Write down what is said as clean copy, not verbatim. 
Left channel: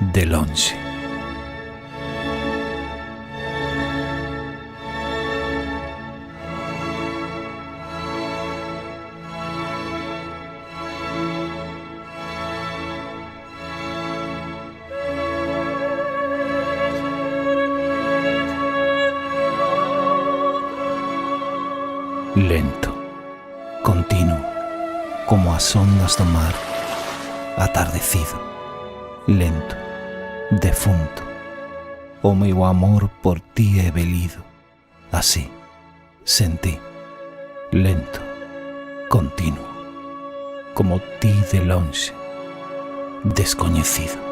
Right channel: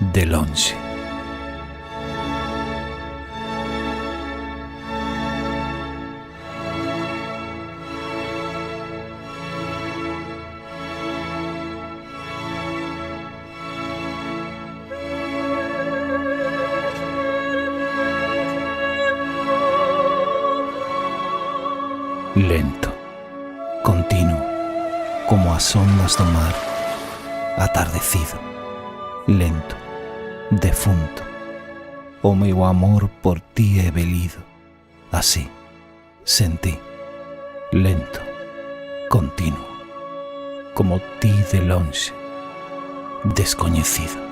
de lonxe. Lento, continuo, como as ondas do mar, atardecido, lento, defunto, o meu amor por ti é velido, así, sen ti, lento, continuo, como ti de lonxe, descoñecido.